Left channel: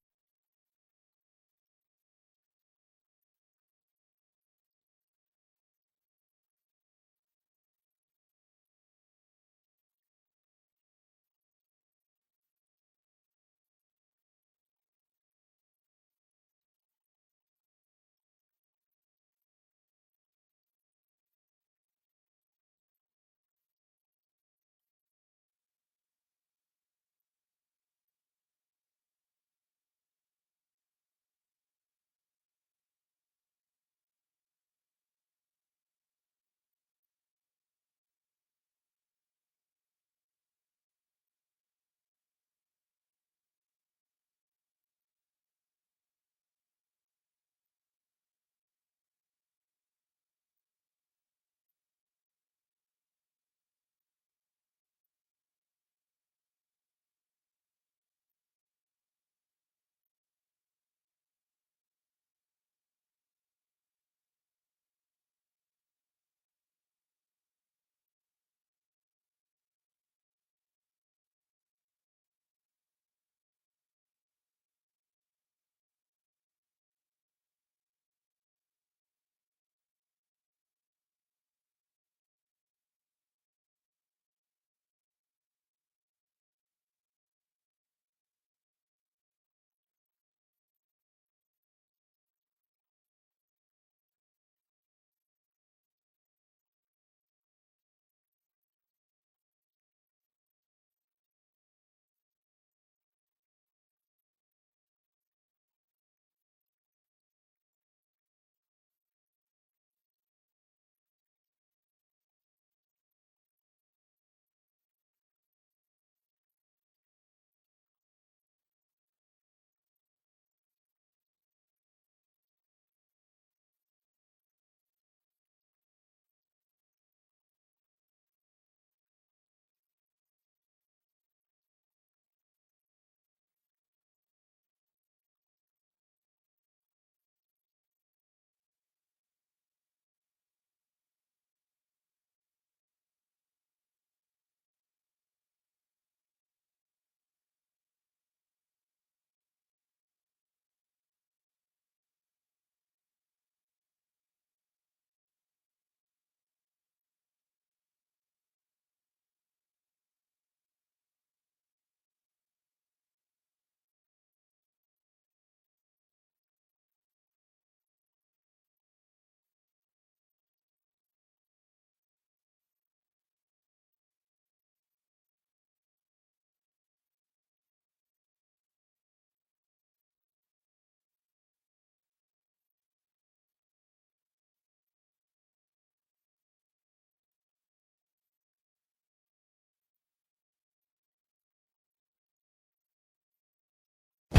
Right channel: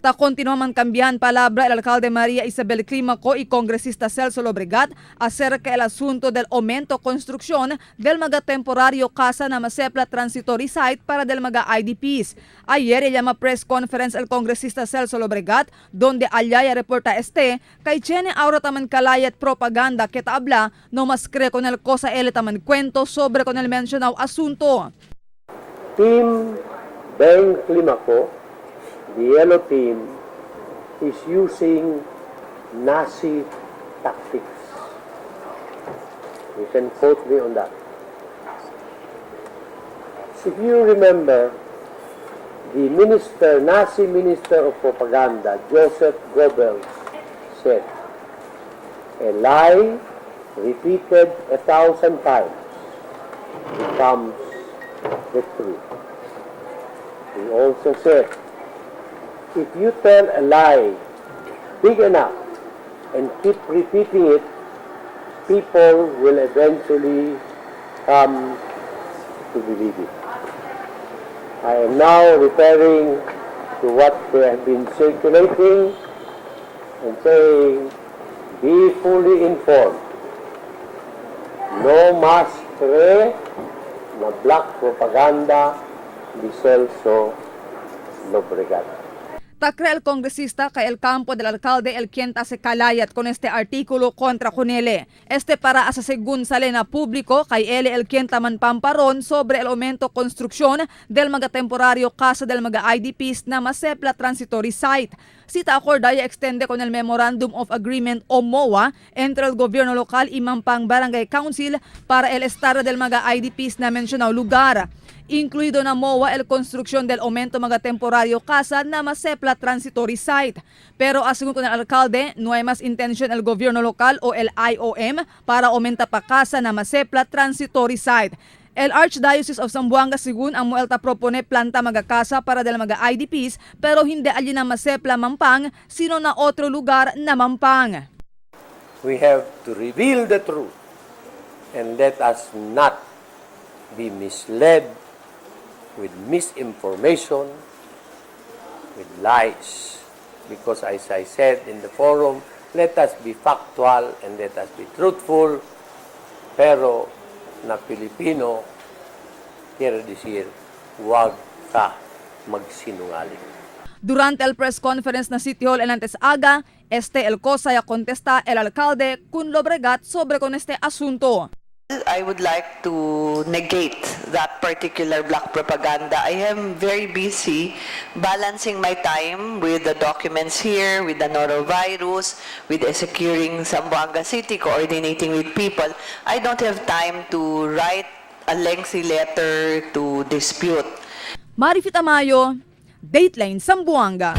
Ta continuaman cambian palabra el alcalde María Isabel Climaco y congresista Celso Lobregat acerca del asunto del aumento construcción del mga temporario casa na Masepla Transitory Site para del mga IDPs. Ayer llama press conference el congresista Celso Lobregat donde allaya reporta kay tiene ahora taman kalayat propaganda que habla no mas cree con el cosa ele taman cuento sobre con el mencionado asunto. Team Ben Climaco, the yellow team, is using Nazi tactics. You can quote me on that. If you remember, the Nazi Minister of Propaganda, Joseph Goebbels, said, "A lie repeated 1,000 times becomes the truth." He also said, if you tell a lie big enough and keep repeating it, people will eventually come to believe it. I am now referring to what they have been circulating and saying, be fully informed. No mas cree na black propaganda ni Celso Lobregat. Takre el congresista kay el campo del alcalde el quien se kalayat con este artículo contra Conele. Para asasegun sa lena público kay ele el quien taman pamparon sobre el aumento construksyon del mga temporaryo casa del mga IDPs na Masepla Transitory Site. Sita acordaya extende con el Memorandum of Agreement o MOA entre el gobierno local y Mampang Barangay Council para el estado del mga IDPs na mencionado lugar. Incluido na MOA el construksyon del aumento mga temporaryo casa na Masepla Transitory Site. Pero asunto con el alcalde, no hay más intención el gobierno local o el IOM para aumenta pa casa na Masepla Transitory Site. El Archdiocese of Zamboanga sigun ang muelta propone planta mga casa para del mga IDPs pero hindi alin na Masepla Mampang sino na otro lugar na Mampang. We have to reveal the truth and let us not be misled with misinformation, with lies. Because as I said in the forum, let us be factual and let us be truthful, pero na Pilipino, quiere decir, huwag ka magsinungaling. Durante el press conference na City Hall en antes aga, el cosa ya contesta el alcalde kun Lobregat sobre con este asunto. I would like to negate that particular black propaganda. I am very busy balancing my time with the documents here, with the norovirus, with securing Zamboanga City, coordinating with people. I don't have time to write a lengthy letter to dispute. Marifit Amayo, Dateline Zamboanga.